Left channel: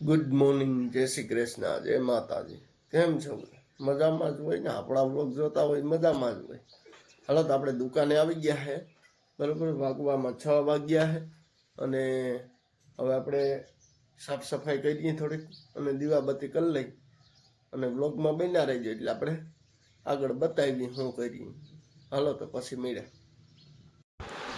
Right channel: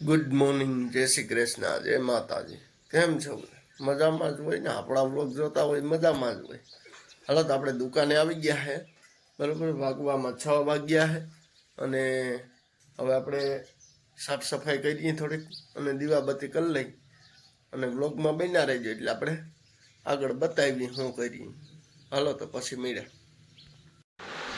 Good morning, જય શ્રી કૃષ્ણ, જય માતાજી. કેમ છો? મજામાં જ હોય ને. આપણા વ્લોગ જોતા હોય મજામાં જ હોય. હાલો તો આપણે દુકાને આવી ગયા છે, બરાબર. વાગવામાં 6 વાગ્યા છે અને હવે આપણે સાફ સફાઈ કરીએ થોડીક અને દીવાબત્તી કરી લઈ અને વ્લોગમાં બન્યા રહીજો એટલે આપણે આગળ બતાવીએ શું કરીએ. હાલો તો પછી મળ્યા.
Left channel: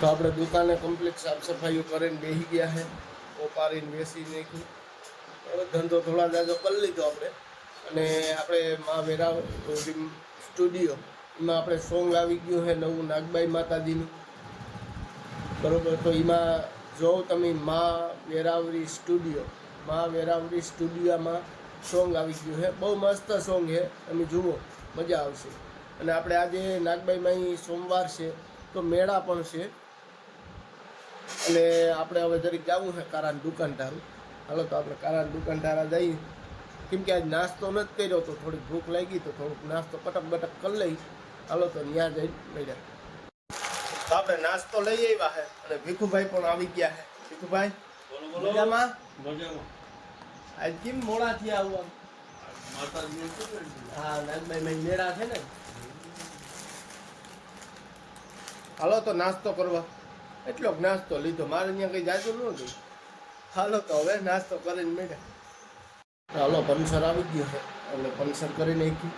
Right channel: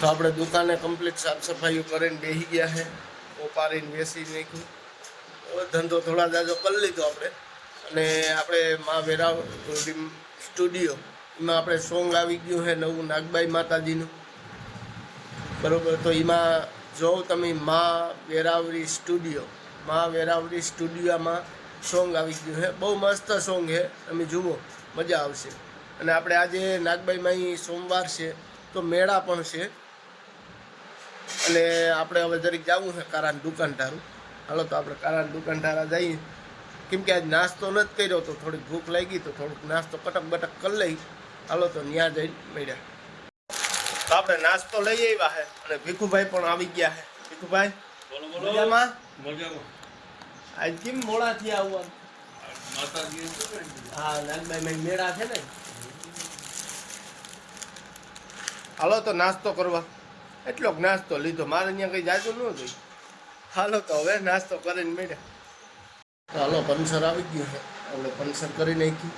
તો આપણે દુકાને કમ્પ્લીટ સાફ સફાઈઓ કરીને બેસી ગયા છે. ઓપારીને બેસી નાખ્યું. હવે ધંધો થોડા જાજો કરી લીધો આપણે. અને આપણે મા વેરા સ્ટુડિયો એમાં આપણે સોંગ આવી ગયું છે નવું નાગબાઈ માતાજીનું, બરાબર. તો એમાં જો તમે મા વેરાવરી સ્ટુડિયોમાં સોંગ આવી ગયું છે. બહુ મસ્ત સોંગ છે, તમે જુઓ, મજા આવશે. અને આપણે આજે નાગબાઈમાં અહીં સોમવાર છે તો મેળા પણ છે. અને આપણે હવે જરીક જવું છે કારાની દુકાન ટારું. હાલો તો આપણે કારાની દુકાન ટારા જઈએ, કેમ કે આજ નાસ્તો નથી કર્યો તો થોડીક ભૂખ લાગી તો થોડુંક નાસ્તો કટક બટક કરી લઈ. હાલો તો ત્યાં જઈને મળ્યા. તો આપણે નાસ્તો લઈ આવ્યા છે અને ભીખુભાઈ પણ આવી ગયા છે. ભીખુભાઈ મજામાં? આજ કેમ મોડા થયા આવવાનું? હા, નાગબાઈ મેળા છે ને. હાલો તો નાસ્તો કરવા. એટલોક નાસ્તો લીધો, મારે અહીંયા કઈ જાજુ ન ગઈ. હાલો તો હવે નાસ્તો કરીને મળ્યા. હાલો, પંચર આવી ગયું છે, આપણે પંચર કરી નાખી.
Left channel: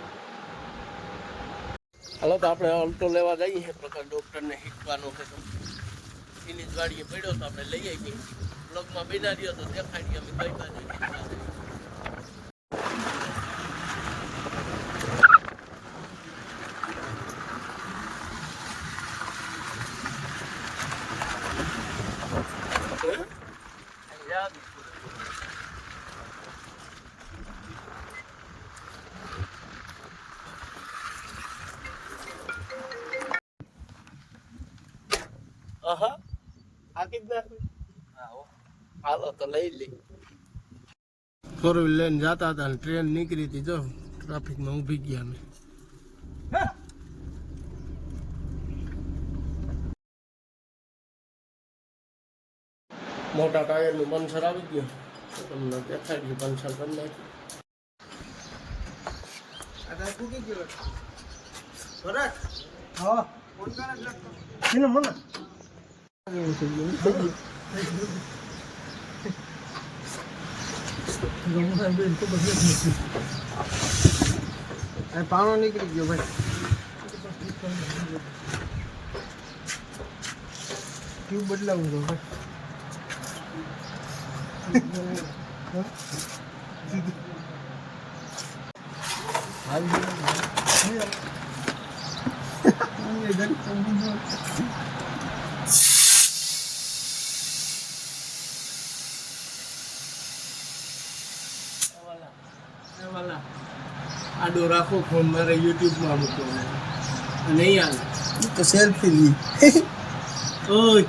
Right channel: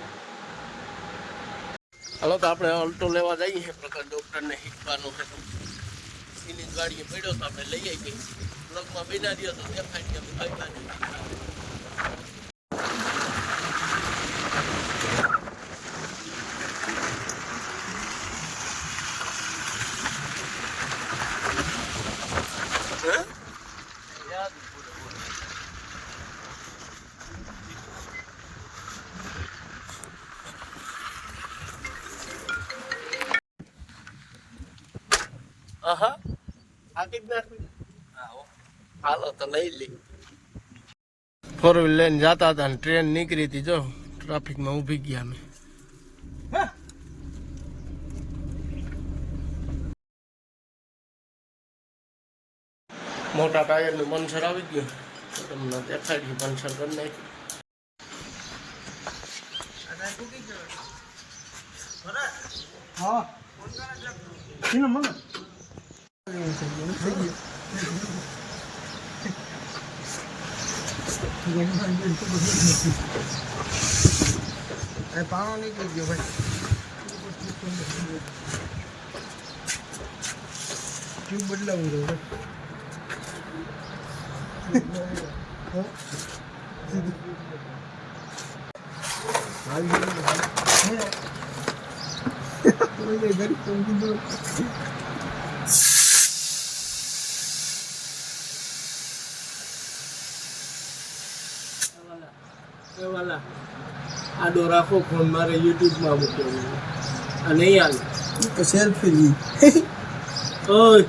હાલો તો આપણે અલ્ટો લેવા જઈએ. પ્રકાશ ડૉક્ટરને શીખવાનું છે તો એની જ ગાડીએ પડ્યો તો આપણે લઈ આવી. બ્લોગમાં બિના રહ્યો તો દેખાડીએ અમે કઈ બાજુ. આહા, આકી જ નાખી. હાલો તો લઈ લઈ. 4 વ્હીલ લઈને જતા હતા ને ટ્રેન નીકળી હતી. જો ટ્રાફિકમાં ઊભી ગયા અમે. મોટા ટાયરનું પંચર આવી ગયું તો તમને દેખાડ્યું. પંચર કરી નાખ્યું. પાણો નીકળી ગયો ભાઈ. ટ્યુબ બદલાવું જો આડો રાખો ફોન, મારે યુટ્યુબમાં મૂકો અને નહીં હાલ તો સેલ્ફી લી. ઓય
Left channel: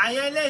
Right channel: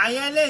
આયા લે.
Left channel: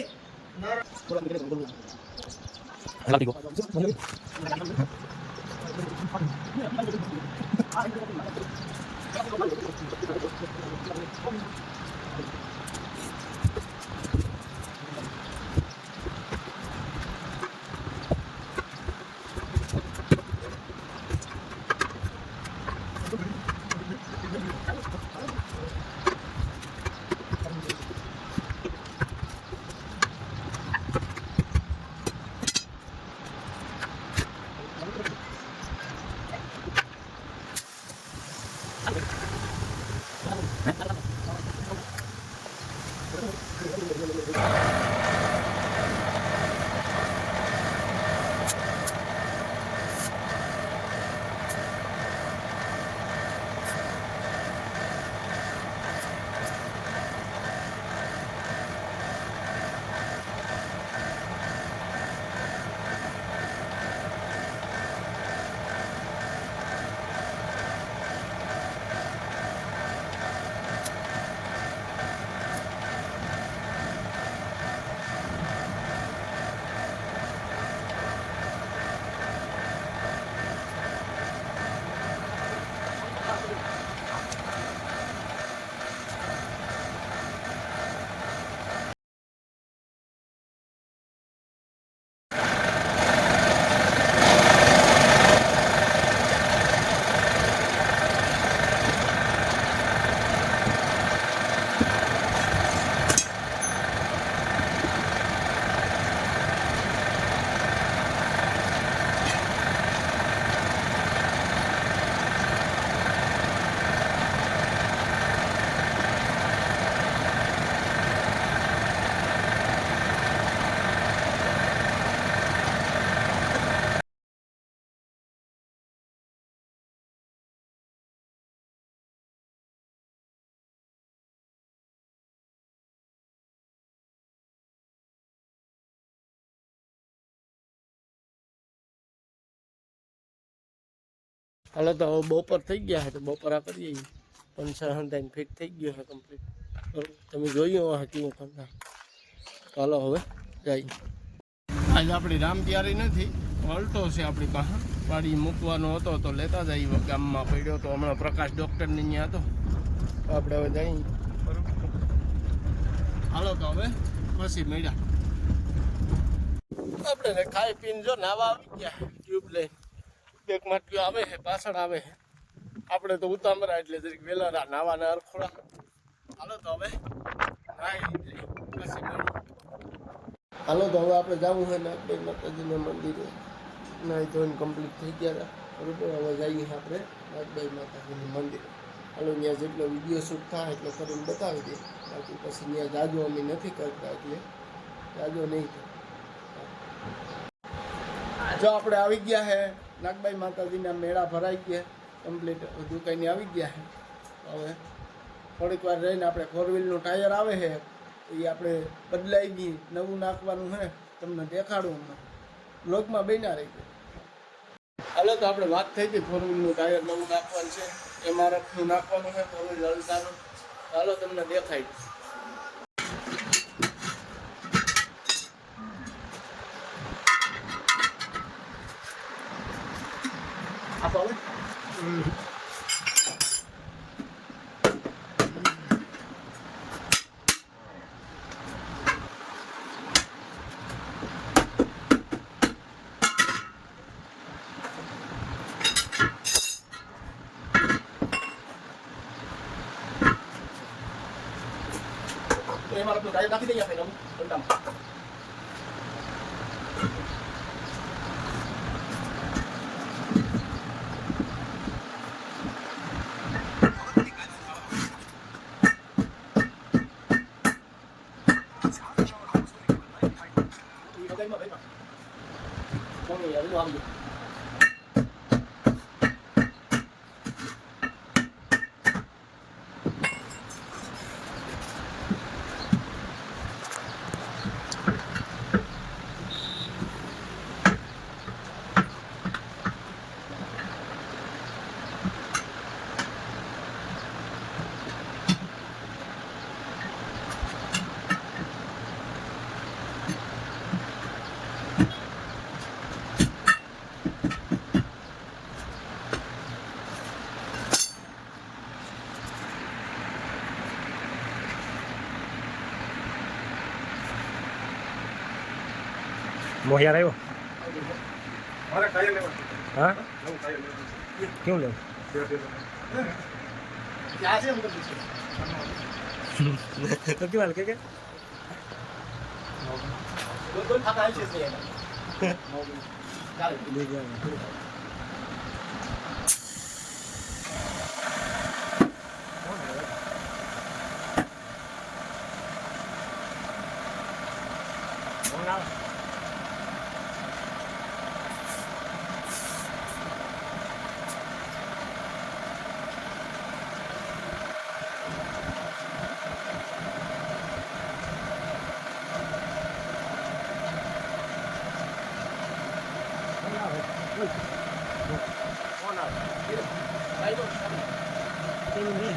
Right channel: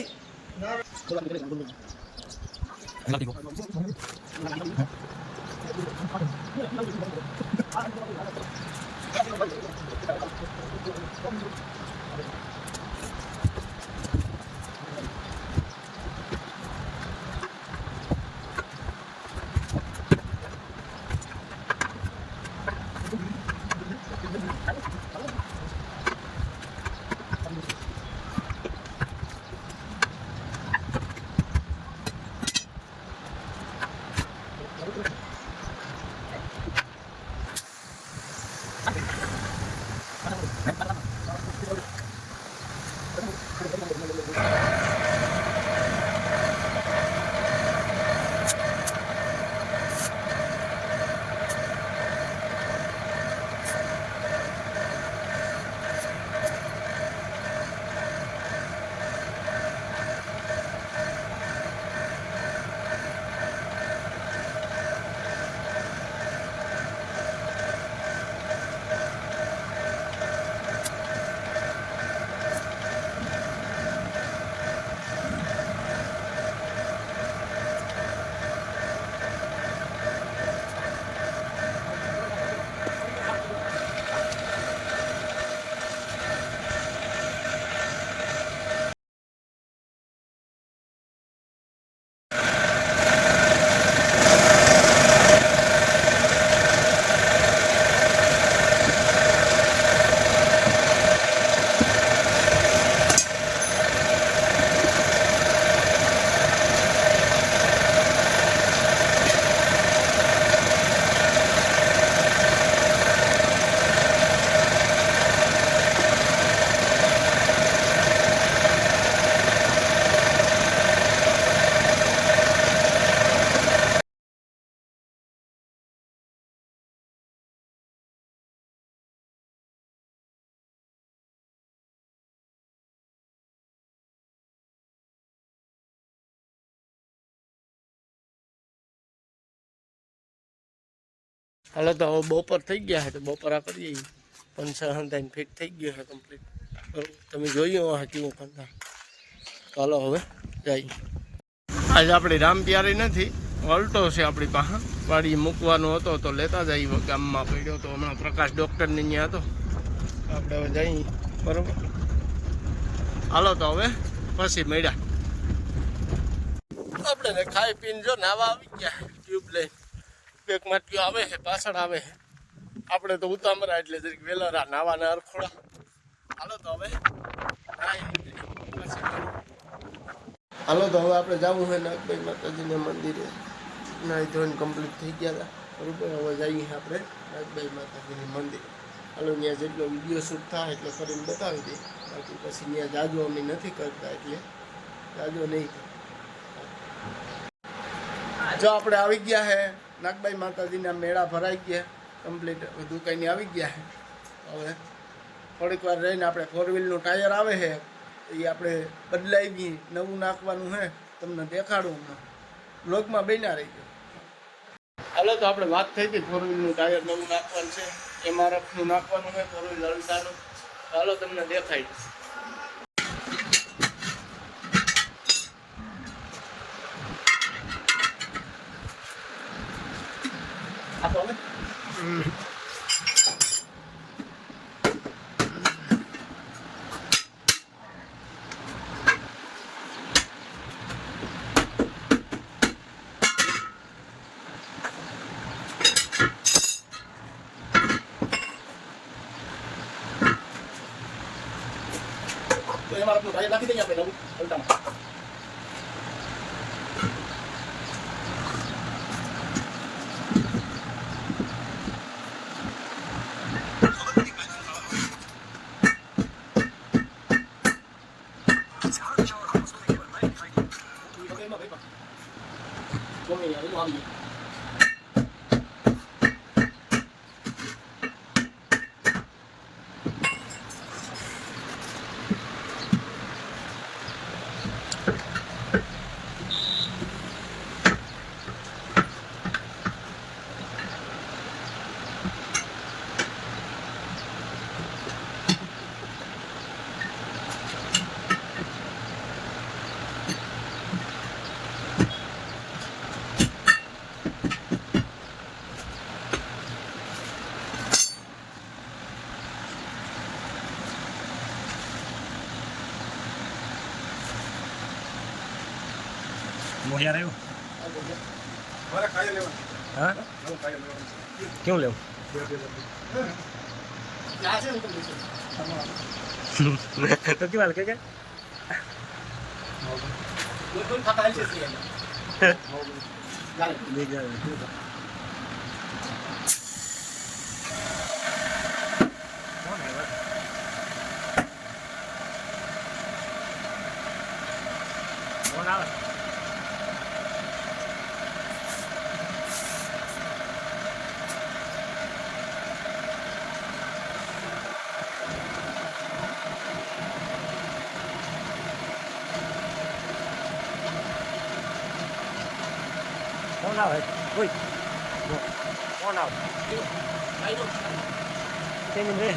હાલો તો હવે બપોર થઈ ગયા છે તો બપોરા કરીએ. પંચર હંધાઈને ફિટ થઈ ગયો છે કમ્પ્લીટ. બરાબર તમે જોયું હા કેવું કરતા. ચાલો હવે જઈએ. આજે આપણી રામ તૈયારી નથી, અલ્ટો છે આપણી પાસે. વાડી મૂકવાનો હતો તો લેતા જઈએ. ગામમાં પડ્યો તો હમણાં પ્રકાશ ડૉક્ટરની ત્યાં હતો. આપણે હવે જઈએ. બરાબર હાલો તો હવે પછી મળ્યા. આપણે ખાઈ પીને જો નાવા આવી ગયા ટ્યુબ લઈને. બેક માટકીઓ આવે છે પાછળ આવે છે. આપણે તો ઉતામરા એટલે જરીક વેલા નાવાના અરખોડા. હાલો તો હવે હાલો તો હવે આપણે જવું છે નાગબાઈ માતાજીના મંદિરે. નાઈ ધોઈને કમ્પ્લીટ થઈ ગયા હતા. બરાબર હવે જઈએ આપણે નાગબાઈ માતાજીની મંદિરે. હાલો ત્યાં જેટલો વિડીયો શૂટ થાય એટલો કરીને બતાવી દે. બાકી પછી ત્યાં જાજો અમે નથી કરતા એટલે જાજો નહીં. જો આપણે આવી ગયા છે નાગબાઈ માતાજીના મેળા ભરાઈ ગયા કમ્પ્લીટ. બધું કંઈ આવી ગયા છે. હવે થોડીક વાર રહીને આપણે 4 વ્હીલનું ટાયર આવે છે એ આપણે બદલાઈ ગઈ નવું નાખવાનું છે. તમને દેખાડું હમણાં બ્લોગમાં બન્યા રહી ગયો. હાલો તો આપણે વાત થઈ હતી 4 વ્હીલનું ટાયર નવું નાખવાનું છે. MRFનું નાખવાનું છે 4 વ્હીલ હલતાનું. હાલો તમને દેખાય. આપો હવે તો એમાં આપણું ટાયર નાખી દઈએ આપણે નવું હલતામાં. મોહિયાર આવ્યો. હા કેવું લેવું? તો કેવા કે કોણ આવે? કોણ આવે? કોઈ કોણ આવે? કેમ રે?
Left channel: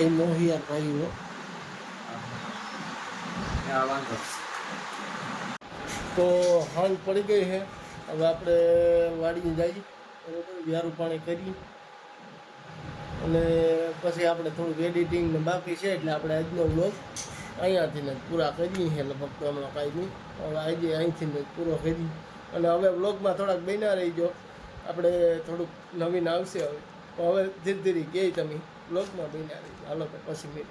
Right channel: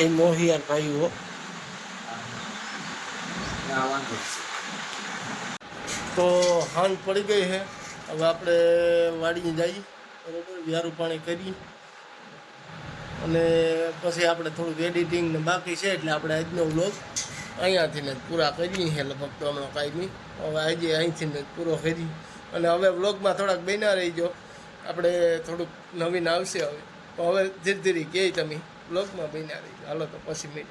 એ મોહિયાર ભાઈ હો. હા વાંધો તો હાંજ પડી ગઈ છે. હવે આપણે વાડીએ જઈએ, બરાબર, વ્યારું પાણી કરી અને પછી આપણે થોડુંક એડિટિંગ ને બાકી છે, એટલે આપણે આજનો વ્લોગ અહીંયાથી ને જ પૂરા કરીએ છીએ. લગભગ તો હમણાં કાંઈ નહીં, હવે આજે અહીંથી ને જ પૂરો કરી. અને હવે વ્લોગમાં થોડાક બન્યા રહીજો, આપણે થોડુંક નવીન આવશે હવે. તો હવે ધીરે ધીરે કહે તમે વ્લોગમાં બન્યા રહીજો. હાલો તો પછી મેં